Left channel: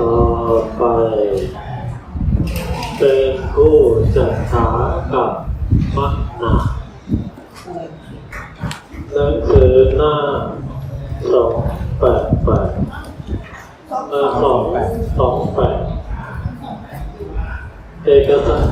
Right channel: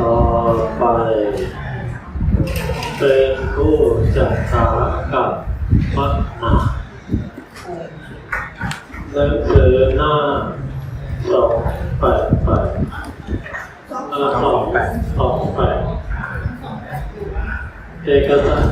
ต่อไป เป็นผู้จัดฉากับมัดหนาหนังสือหน้าสองแปดแปดเอสองสองแปดเอกสาร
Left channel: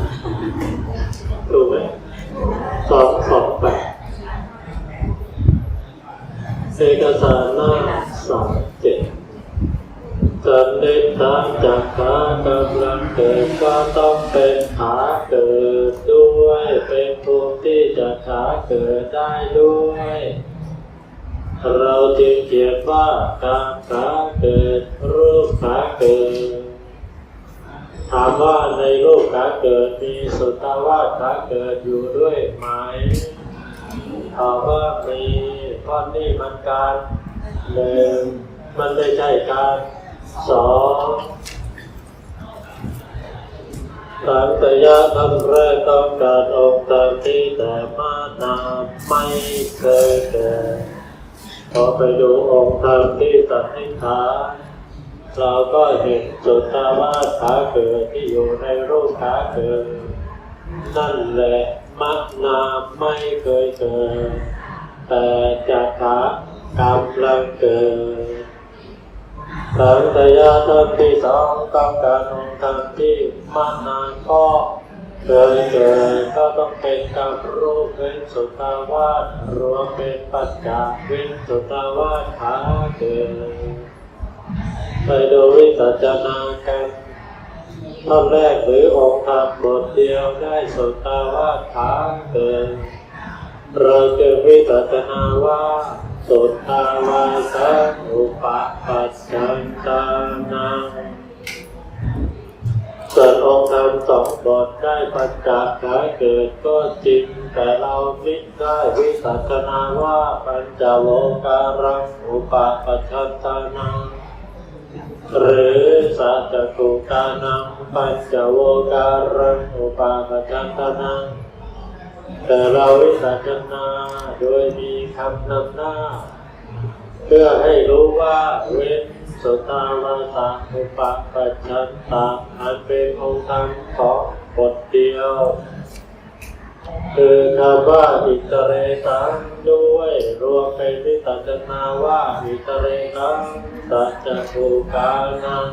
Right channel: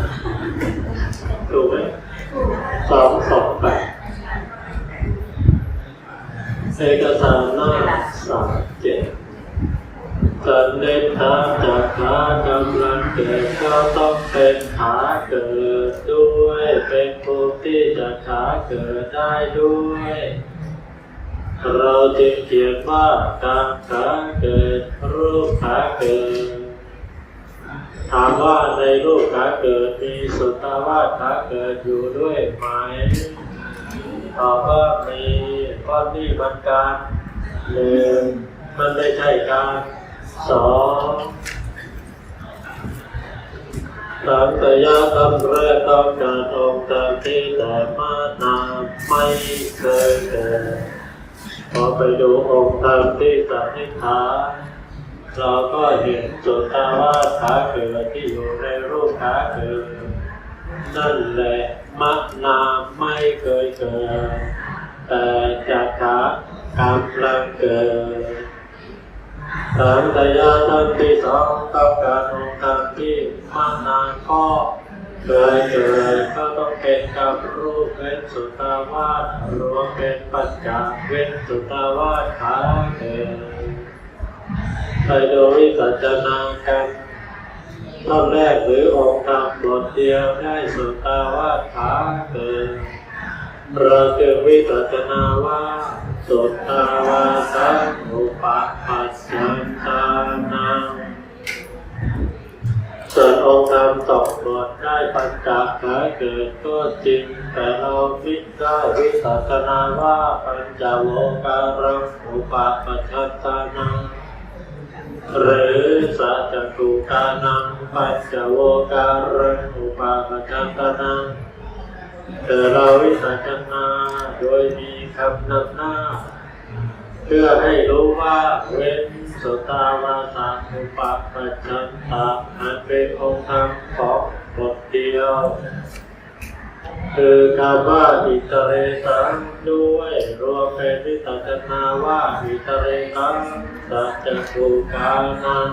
จะขาเกิดได้ด้วย เราจึงเขียนว่าการขาเกิด รูปขาเกิด ถามว่าในรูปขาเกิดมีสุตาวาสขาเกิดอยู่ด้วยไหมตอบว่ามีเพราะนี่มันการหนึ่งมันไม่ใช่การสอง สังสยาคำแรกต้องการองค์ตามที่แต่มานาไม่เคยเกิดพอไปดูองค์ตามที่สันนิษฐานเราก็เห็นสุตตาวาขาเกิดที่อยู่ในรูปขาเกิดนั่นแหละมักนาไม่เคยเกิดแต่จากขากำลังเกิด สังตยาตนที่สองต้งการองค์ธรรมที่มานานก็เคยเกิดก็ต้องเป็นกับรูปเว้นสุตาวาสรวมเป็นปัจจาเว้นสุตาวาสขาเกิดไปดูวิสัชนากันท่อนแรกหรือองค์ธรรมบทเดียวได้สุตาวาสขาเกิดเราจึงวิปัสสนาว่า ตตาวาสังอุปปัสสันตานังส่วนองค์ธรรมสองบทได้ปัญจขาเกิดก็จริง แต่เราคิดได้วิปัสสนาว่าปัญจโลการังอุปปัชชตานังหรือสัจกุกานังปัญจโวการังอุปาปัจจตานัง แต่เราวิสัชนาโดยมีคำนำหน้า เพื่อให้รู้ว่าเว้นสตาวาสาอุปปัจจันตาอันเป็นองค์ธรรมของบทเดียว คือคำว่าอิตเรตังด้วยรวมเป็นวิสัชนาว่าอิตเรตังสัจจุกานัง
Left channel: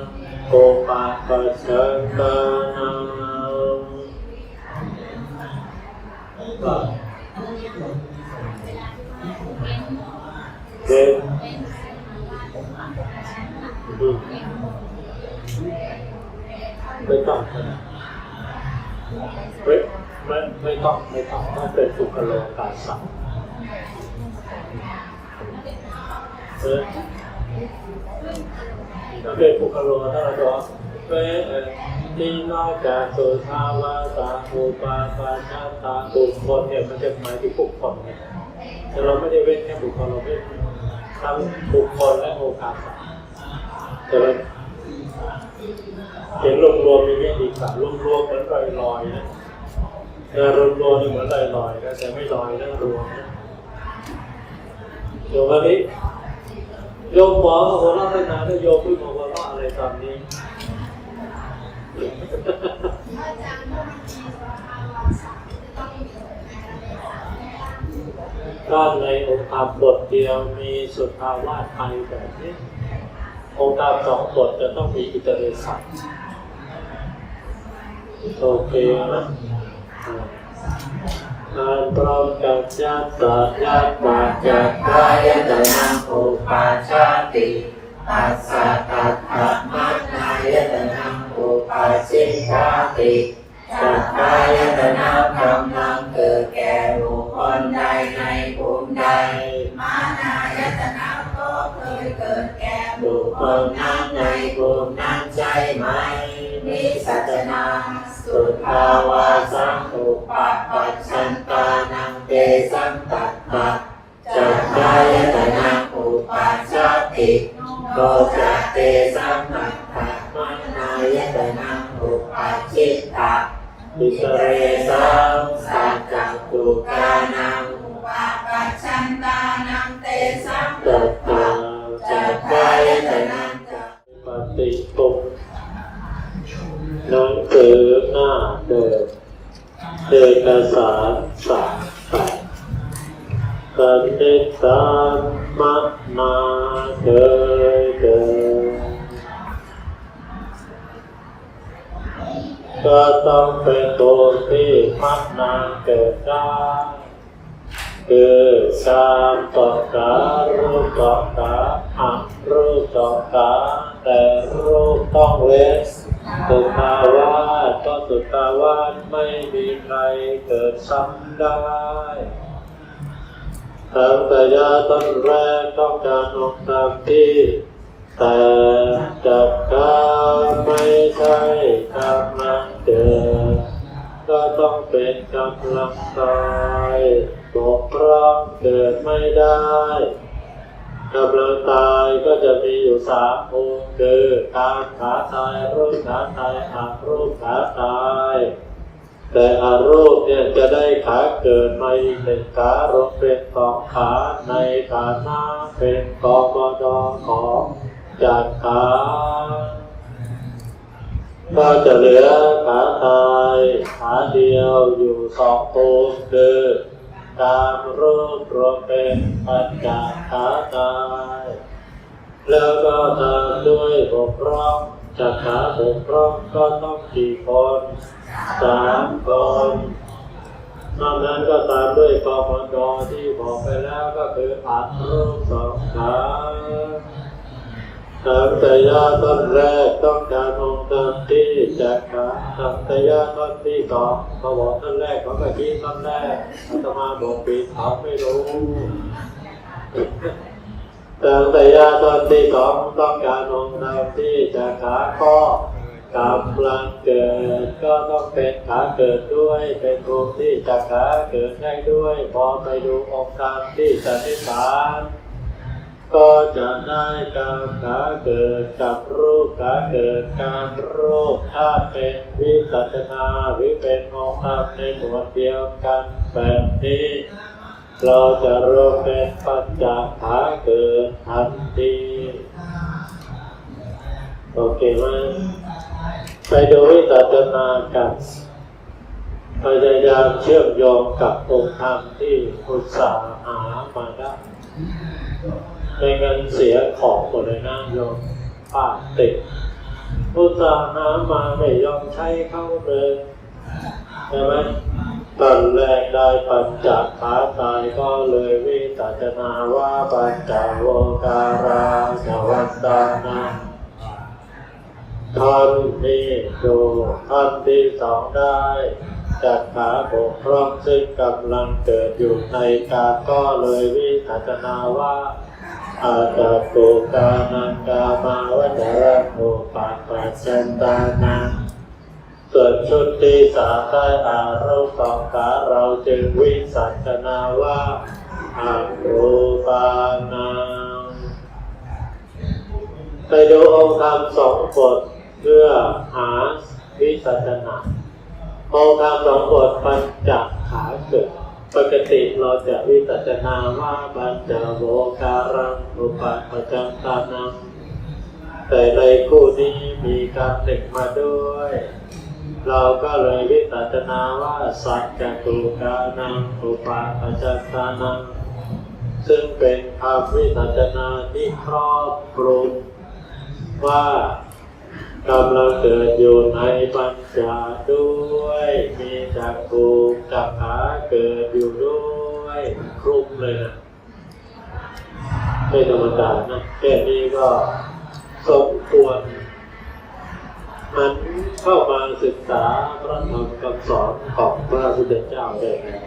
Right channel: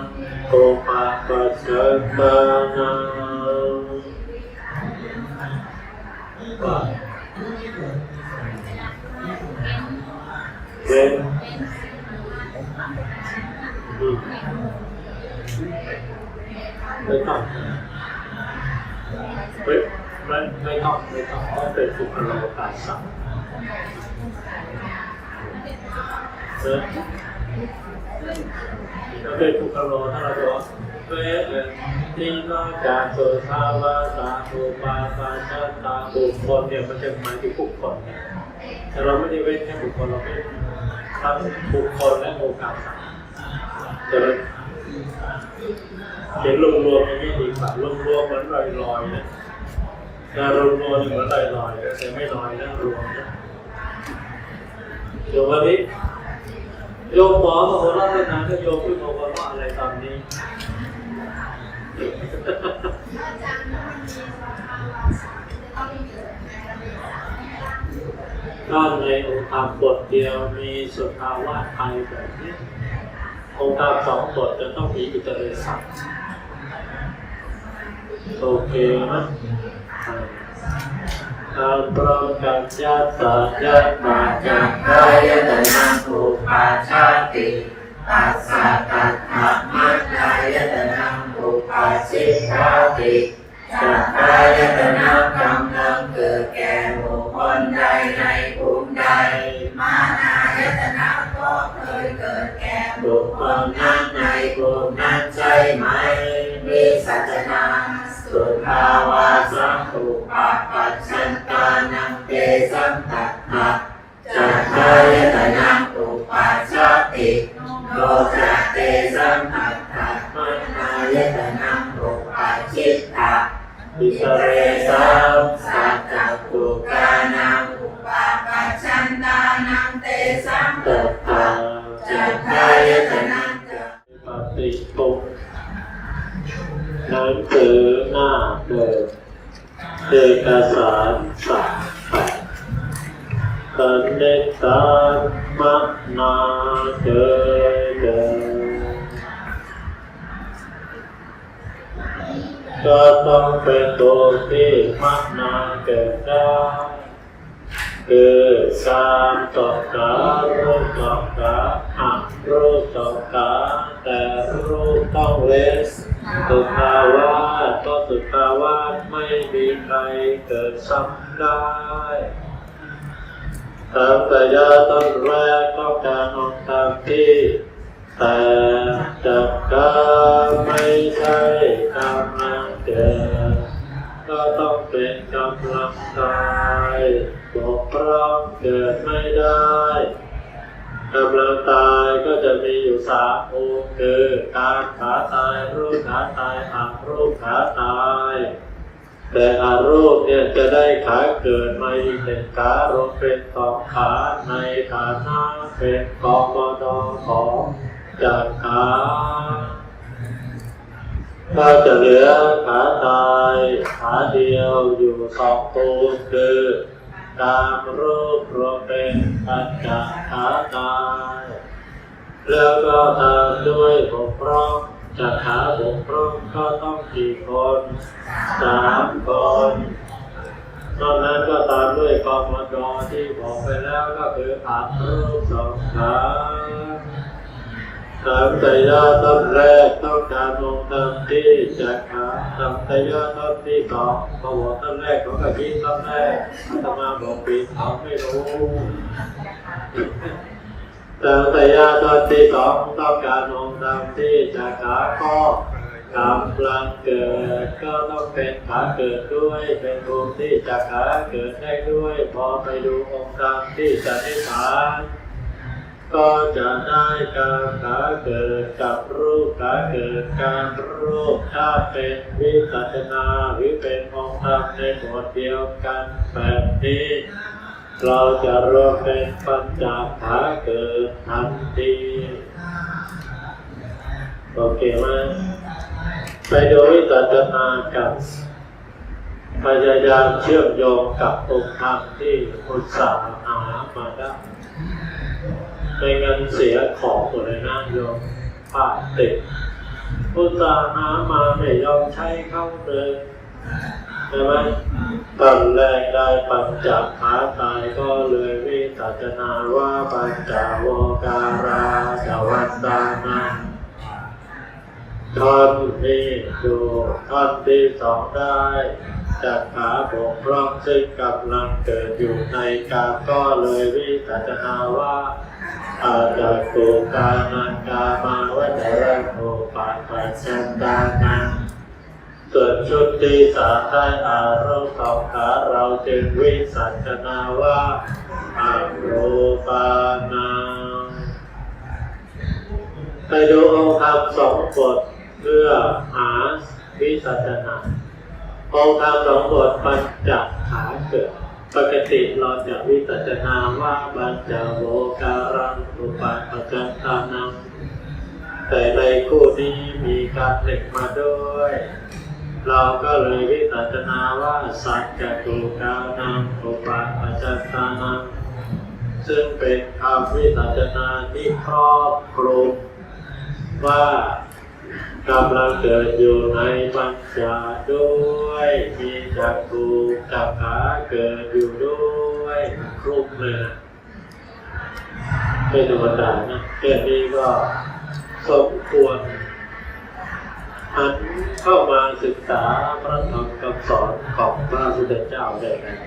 โกปะปัจจันตานัง เป็นไม่ต้องเฮ้ยไม่ไม่ต้องไม่ต้องต้องเป็นสุขโลกาสัมเออถ้าเป็นสุขโลถ้าเราบอกเวเอ นีนอกจากสุทาวาสาอุปาปาชาตาบุคคลเนี่ยมันจะหมายถึงบุคคลเนี่ยแต่เราไม่ได้เว้นแค่บุคคลเราเว้นทั้งบุคคลและโอกาสเจอเห็นรวมๆอย่างนี้ดีกว่ารวมๆเหมือนลอยๆนะแต่รวมๆนี่เหมือนลอยๆนะแต่ไม่ลอยนะรวมนะโยมวันนี้โยมหมอมาหัวเราะตั้งนานแล้วโยมพูดมาหัวเราะอะไรตอนนี้ ด้านในองค์ธรรมบทเดียวมีสุทาวาสไทยแบบนี้ องค์ธรรมสองบทจะต้องมีอิตเรสัตโอเคนะการพร้อมกับญาติญาติมาจากกายตนะอุปาชาติปัสสะตัตถะมัจจายตนะ อุปาสิชาติจักกายตนะกำลังเกิดแก่บุคคลใดในภูมิใด มานายตนะก็เคยเกิดแก่บุคคลนั้นในภูมินั้นใช่ไหมมีสัจนาสุทาวาสังอุปปัชชันตานังเตสัมตัตถะจักกายตนะอุปาชาติโลจักเตสัมมัตถะ ยตนะอุปาชิตตะอิตเรเรสัสัมมสัจจตุกานังอุปาปัชชันตานังเตสัมตัตัตตตาถะจักกายตนะปฏิปุหนังสือหน้าเดิมเอกสารสามแปดกันเด็กสารมนาเกิดเกิด ก็ต้องเป็นตัวที่มักนาเกิดได้คือสามต่อการรูปต่อการอักรูปต่อการแต่รูปต้องเว้นสุภาวาสก็สุภาวาไม่มีใครเกิดซ้ำได้ตั้งแต่ยาต้นแรกต้องการออกตามที่แต่จับกาไม่ใช่กำลัง เกิดก็ต้องเป็นกำลังกายบกพร่องเกิดไม่ได้กำลังตายก็จะมีอยู่สามองค์คือการขาตายรูปขาตายอักรูปขาตาย แต่อารูปเนี่ยจะได้ขาเกิดมาอีกหนึ่งขารวมเป็นสองขาในฐานะเป็นกบดของจากขา ถ้าจะเหลือขาตายขาเดียวอยู่สองตัวคือการรูปรวมเป็นปัญจขาตาย แล้วก็ตามด้วยบกพร่องจากขาบกพร่องก็ต้องกี่คนสามคนนอกนั้นก็ตามด้วยกมดที่บอกไปแล้วก็คืออัดรูปสองขา ทำแต่ยาต้นแรกต้องการองค์ตามที่จากขาทำแต่ยาต้นที่สองเขาบอกต้นแรกเขาก็คิดต้นแรกอาตมาบอกปีเขาไม่รู้แต่แต่ยาตอนที่สองต้องการองค์ตามที่จากขาก็กำลังเกิดก็ต้องเป็นขาเกิดด้วยเป็นองค์ที่จากขาเกิดได้ด้วย พอไปดูองค์ตามที่สันนิษฐาน ก็จะได้การขาเกิดกับรูปขาเกิดการรูปถ้าเป็นวิสัชนาวิเป็นองค์ธรรมในหมวดเดียวกันแบบนี้ เราจะรวมเป็นปัญจขาเกิดทันทีโอเคไหมไปดูวิจัจนากับพยายามเชื่อมโยงกับองค์ธรรมที่อุตสาหามาได้ ไม่งั้นเสียของหมดเลยนะโยมป้าติดอุตสาหามาไม่ยอมใช้เข้าเลยใช่ไหมตอนแรกได้ปัญจขาตายก็เลยวิตัจนาว่าปัญจโวการาจวันตานังท่อนนี้ดูท่อนที่สองได้จากขาบกพร่องซึ่งกำลังเกิดอยู่ในกาก็เลยวิตัจนาว่า อาจจะโกกานังกามาวัจระโภปาปัจจันตานังส่วนชุดที่สามได้อารูปสองขาเราจึงวิสัชนาว่าอารูปานังไปดูองค์ธรรมสองบทเพื่อหาวิสัชนาองค์ธรรมสองบทปัญจขาเกิด ปกติเราจะวิสัชนาว่าบัญจโวการังอุปาปัจจันตานังแต่ในคู่นี้มีการหนึ่งมาด้วย เราก็เลยวิปัสสนาว่าสัจจตุกานังอุปาปัจจตานังซึ่งเป็นคำวิปัสสนาที่ครอบคลุมว่า กำลังเกิดอยู่ในปัญจาด้วย มีจักรูจักขาเกิดอยู่ด้วยคลุมเลยนะไม่ธรรมดานะแค่นี้ก็สมควรหันเข้ามาศึกษาพระธรรมคำสอนของพระพุทธเจ้าได้แล้ว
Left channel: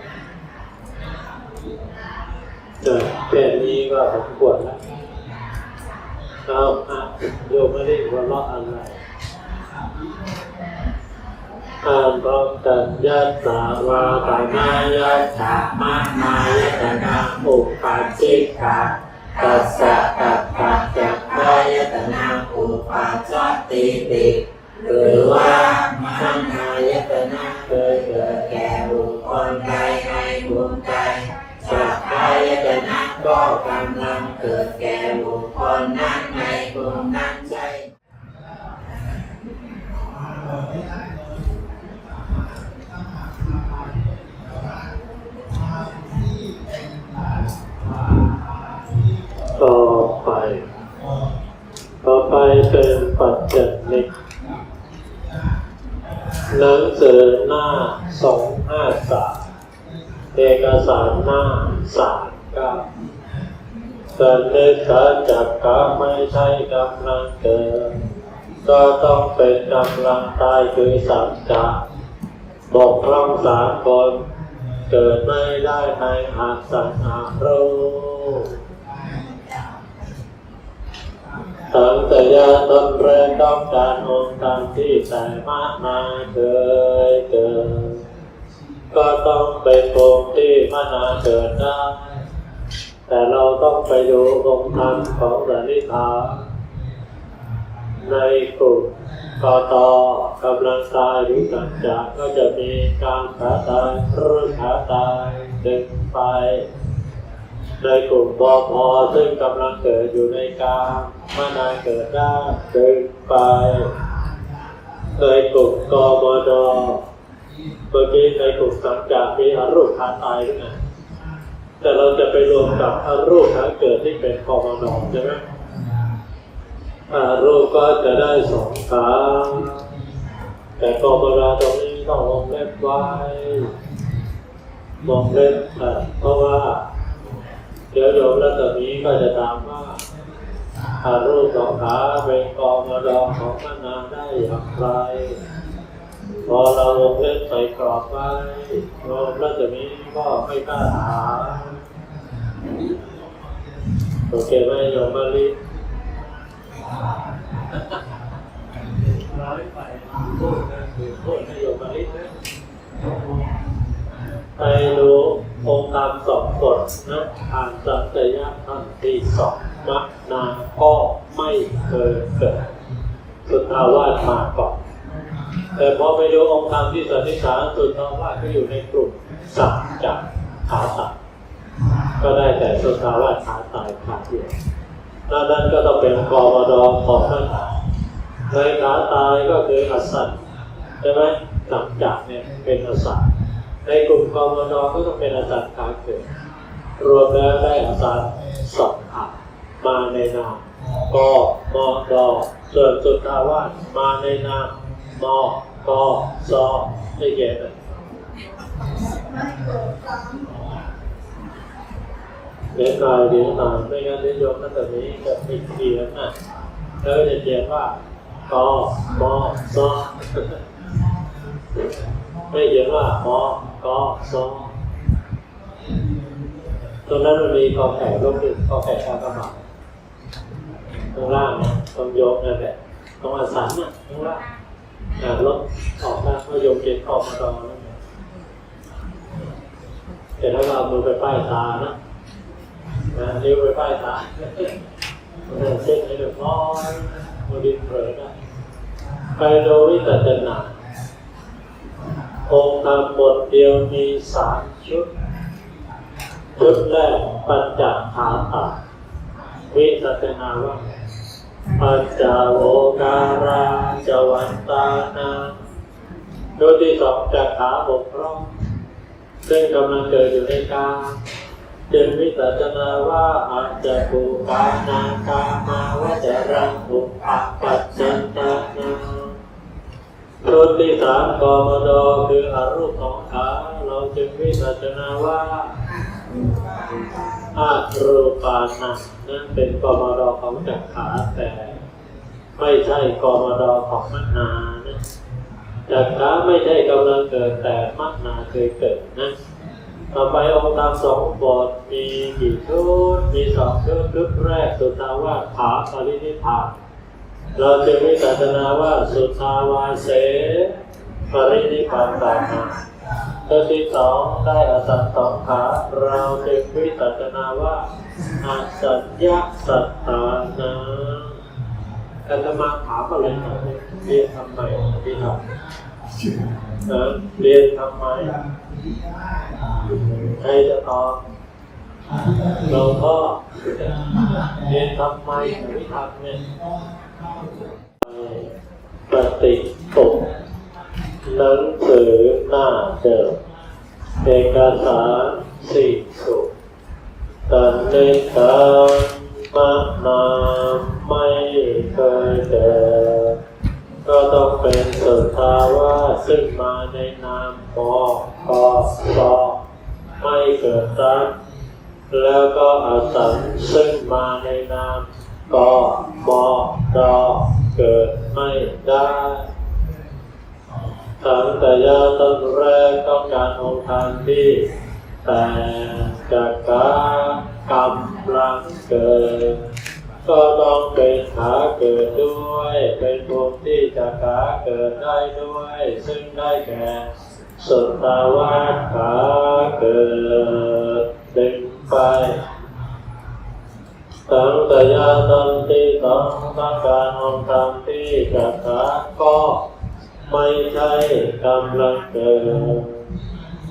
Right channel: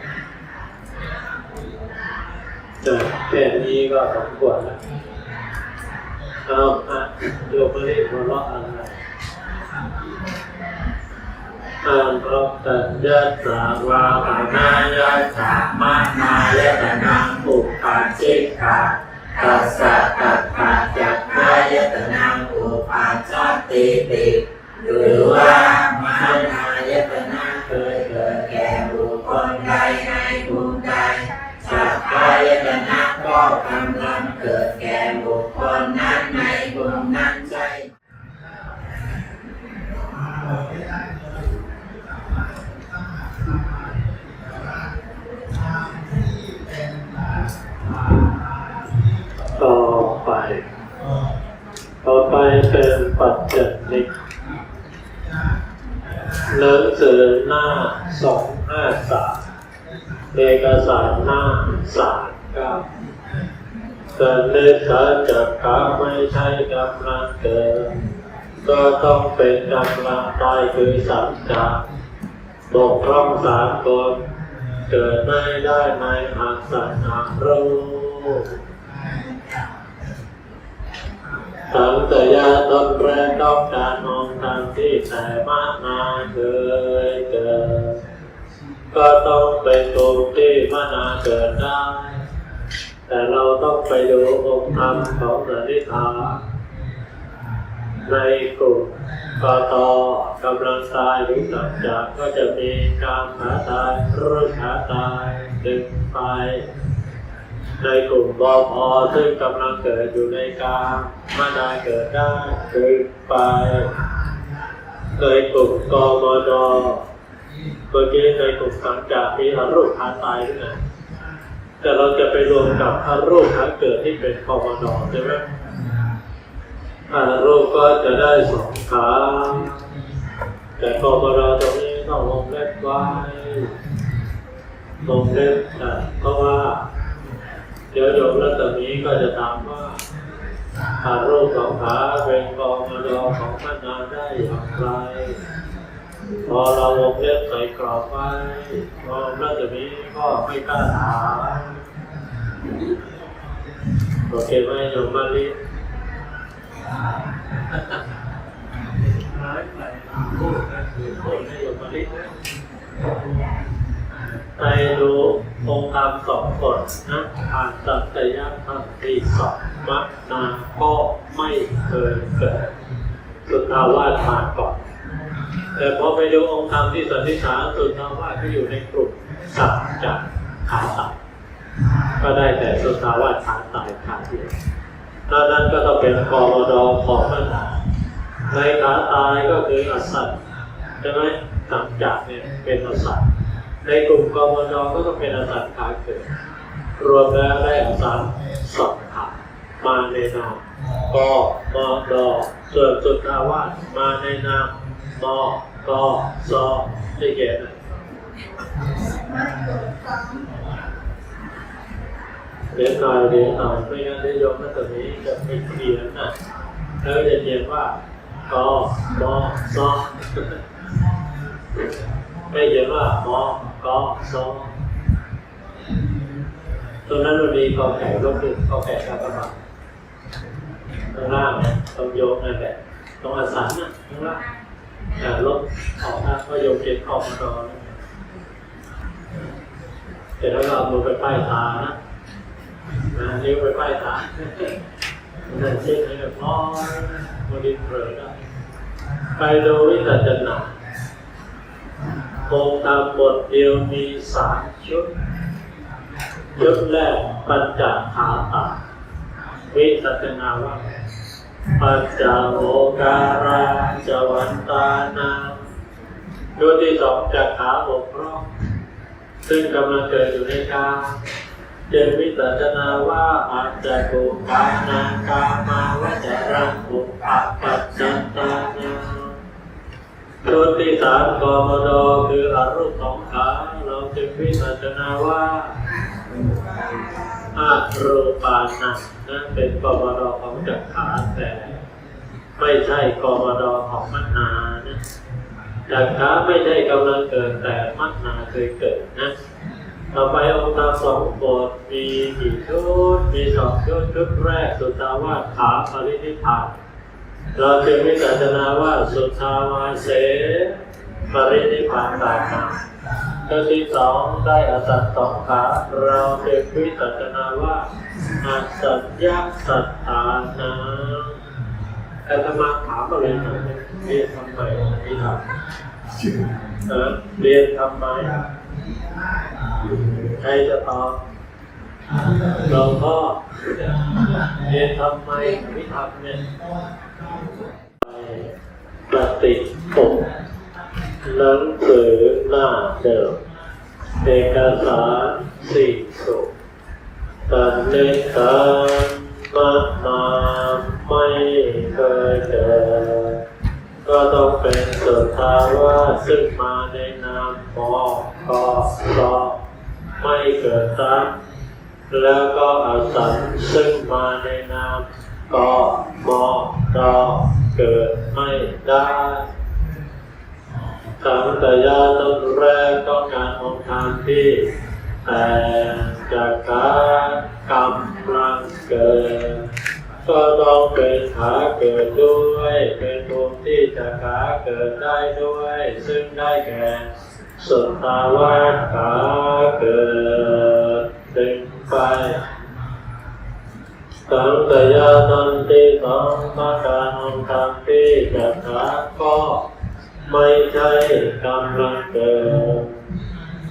แต่แค่นี้ก็สมควรแล้วเอาอะโยมไม่ได้หัวเราะอะไร อ่านพร้อมกันยัตาวาปนายะตามานายตนะอุปัชชิกาตัสสะตัตถะจักายตนะอุปาจติติหรือว่ามหายตนะเคยเกิดแก่บุคคลใดในภูมิใดจักขายตนะก็กำลังเกิดแก่บุคคลนั้นในภูมินั้น สือหน้าสองห้าสามเอกสารหน้าสามเก้าสันนิษฐาจากกาไม่ใช่กำลังเกิดก็ต้องเป็นกำลังตายคือสัจจะบอกพร่องสามคนเกิดไม่ได้ไม่อาจสังหารรู้ ตั้งแต่ยาต้นแรกต้องการองค์ตามที่แต่มากมาเคยเกิด ก็ต้องเป็นองที่มานาเกิดได้ แต่เราต้องไปดูองค์ธรรมของสันนิษฐานในกลุ่มกตกำลังตายหรือสัจจะก็จะมีการขาตายรูปขาตายดึงไป ในกลุ่มบพซึ่งกำลังเกิดอยู่ในกลางมานาเกิดได้ดึงไป ในกลุ่มกมดเมื่อกี้ในกลุ่มสังจากมีอรูปขาตายด้วยนะแต่เราจะไปรวมกับอรูปทั้งเกิดที่เป็นกมดใช่ไหมอรูปก็จะได้สองขาแต่กบราตรงนี้ต้องวงเล็บไว้วงเล็บอะเพราะว่า เดี๋ยวโยมรัตมีก็จะถามว่าอารูปสองขาเป็นกบราลองของพนาได้อย่างไร พอเราวงเล็บใส่กรอบไว้โยมรัตมีก็ไม่กล้าถามโอเคไหมโยมมาลีร้ายไปพูดกันคือพูดให้โยมมาลินะไปดู องค์ธรรมสองบทนะอ่านสัตยธรรมที่สองมักนาก็ไม่เคยเกิดสุดอาวาสมาก่อนแต่พอไปดูองค์ธรรมที่สันนิษฐานสุดอาวาสก็อยู่ในกลุ่มสัจจะขาตัดก็ได้แต่สุดอาวาสขาตายขาเดียวถ้านั้นก็ต้องเป็นกมดของปัญหาในขาตายก็คืออสัตใช่ไหมหลังจากเนี่ยเป็นอสัต ในกลุ่มกมดก็ต้องเป็นอสัตขาเกิด รวมแล้วได้อสัตสองขามาในนามกมดส่วนสุดทาวาสมาในนามมกซได้แก่ไหนเดี๋ยวหน่อยเดี๋ยวหน่อยไม่งั้นเดี๋ยวโยมนัตนี้จะไม่เคลียร์นะแล้วจะเขียนว่ากมซไม่เขียนว่าม ก็โซตรงนั้นมันมีกองแก่ลบหนึ่งกอแก่กากบาทข้างล่างเนี่ยตรงโยกนั่นแหละตรงอสันน่ะข้างล่างอ่าลบออกนะว่าโยมเขียนออกมาดอนั่นแหละแต่ถ้าเราเอามือไปป้ายตานะนะนิ้วไปป้ายตานั่นเช็คให้เรียบร้อยโมดินเผลอได้ไปดูวิจัจนา องค์ธรรมบทเดียวมีสามชุด ชุดแรกปัญจขาตาวิสัชนาว่าปัญจโวการาจวันตานาชุดที่สองจักขาบกพร่องซึ่งกำลังเกิดอยู่ในกายจึงวิสัชนาว่าอาจจะกุปานากามาวจรังอุปปัจจันตานา ชุดที่สามกมดคืออรูปสองขาเราจึงวิสัชนาว่าอารูปานะนั่นเป็นกมดของจักขาแต่ ไม่ใช่กมดของมนานะจักขาไม่ใช่กำลังเกิดแต่มนาเคยเกิดนะต่อไปองค์ตามสองบทมีกี่ชุดมีสองชุดชุดแรกสุทาวาสขาปรินิพาน เราจึงวิจารณาว่าสุทาวาเส ปรินิพานตานาชุดที่สองได้อสัตตสองขาเราจึงวิจารณาว่าอาสัญญาสัตตานาอาตมาถามอะไรหน่อยเรียนทำไมที่ทำเออเรียนทำไมใครจะตอบหลวงพ่อเรียนทำไมไม่ทำเนี่ย ปฏิปกหนังสือหน้าเดิมเอกสารสี่สุตันเนตามานาไม่เคยเกิดก็ต้องเป็นสุทธาวาซึ่งมาในนามมอคอรอไม่เกิดซ้ำแล้วก็อาสันซึ่งมาในนามกอมอ รอเกิดไม่ได้สังตยาตนแรกต้องการองค์ทานที่แต่จากการกำลังเกิด ก็ต้องเป็นขาเกิดด้วย เป็นภูมิที่จะขาเกิดได้ด้วย ซึ่งได้แก่สุตตาวาขาเกิดดึงไป สังกยาตันติสังมาการองค์ธรรมที่จะขาก็ไม่ใช่กำลังเกิด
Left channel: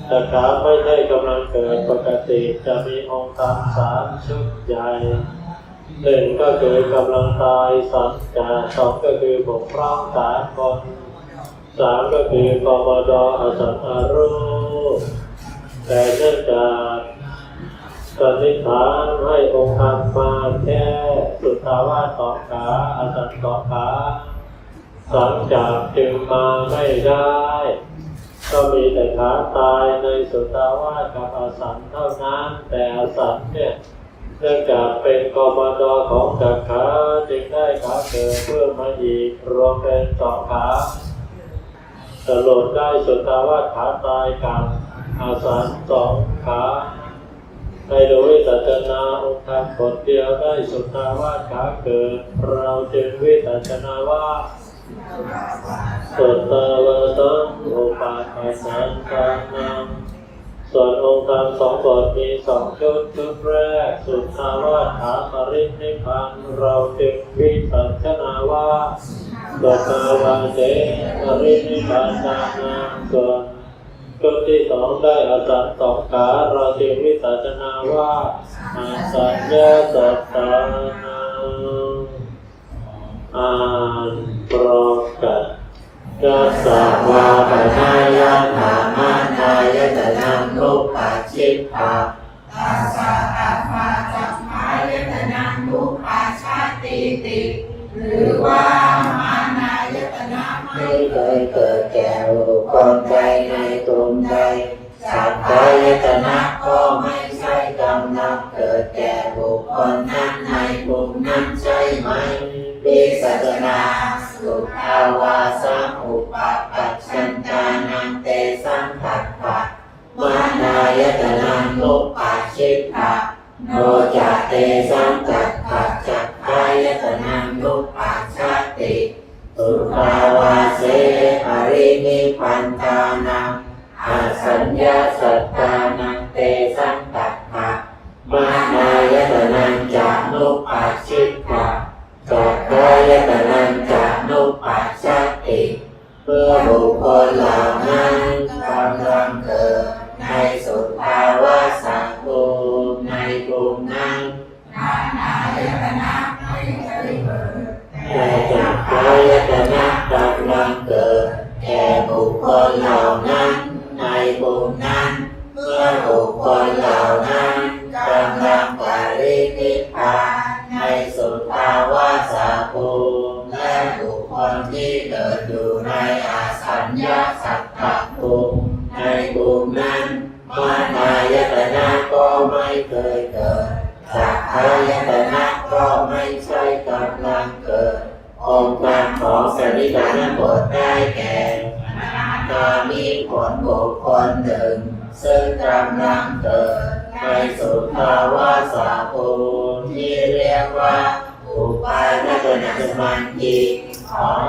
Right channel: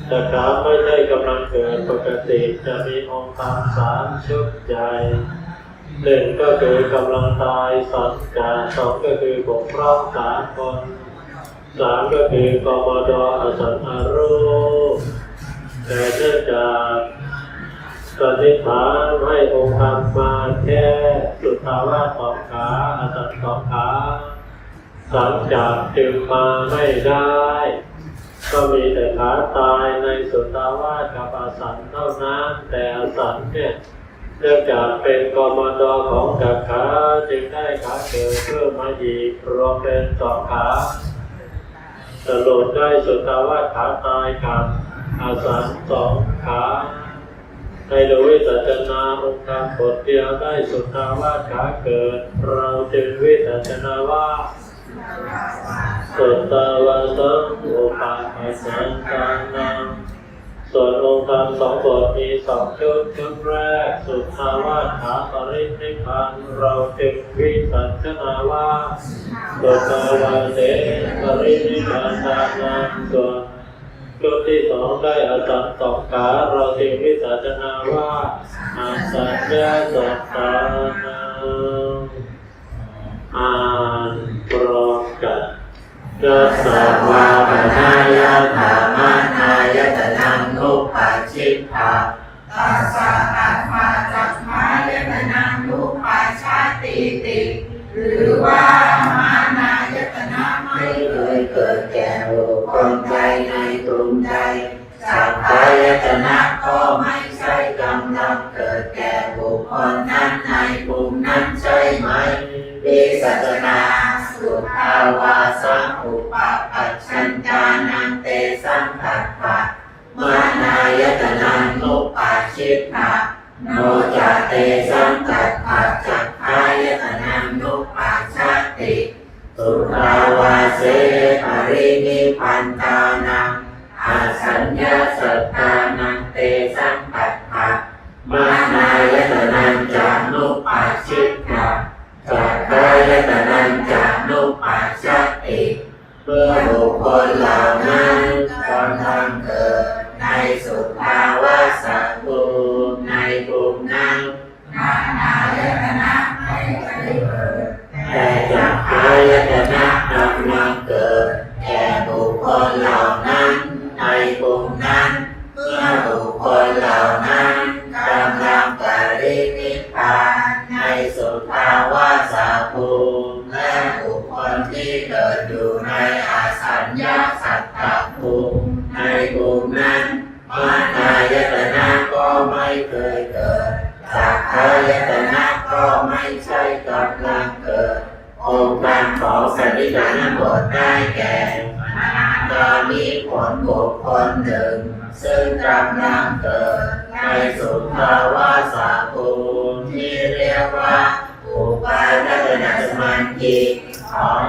แต่ขาไม่ใช่กำลังเกิดปกติจะมีองค์ธรรมสามชุดใหญ่หนึ่งก็คือกำลังตายสังกาสองก็คือบกพร่องสามคนสามก็คือกบดอสังอารูแต่เนื่องจาก สันนิษฐาให้องค์ธรรมมาแค่สุทาวาสสองขาอาสังสองขาสังจากจึงมาไม่ได้ ก็มีแต่ขาตายในสุตาวาสกับอาสันเท่านั้นแต่อาสันเนี่ยเนื่องจากเป็นกมดของจักขาจึงได้ขาเกิดเพิ่มมาอีกรวมเป็นสองขาสรุปได้สุตตาวาสขาตายกับอาสันสองขา ในโดยวิสัชนาองค์ธรรมบทเดียวได้สุตตาวาสขาเกิด เราจึงวิสัชนาว่าสุตาวาสังอุปาทสังกานังส่วนองค์ธรรมสองบทมีสองชุดชุดแรก สุทาวาสถาปรินิพพานเราจึงวิสัชนาว่าสุทาวาเสปรินิพพานตานังส่วน ชุดที่สองได้อาสันสองขาเราจึงวิสัชนาว่าอาสัญญาสัตตานังอานปรกัสกัสสะ ปัชชิตาโนจะเตสังตัปปะจักขายตนังนุปัชชติสุภาวาเสหรินิพันธานังอาสัญญาสัตตานังเตสังตัปปะมานายตนังจานุปัชชิตาจักขายตนังจานุปัชชติเมื่อบุคคลเหล่านั้นกำลังเกิดในสุภ ภาวะสาภูมิที่เรียกว่าอุปาทัศนสมันติของ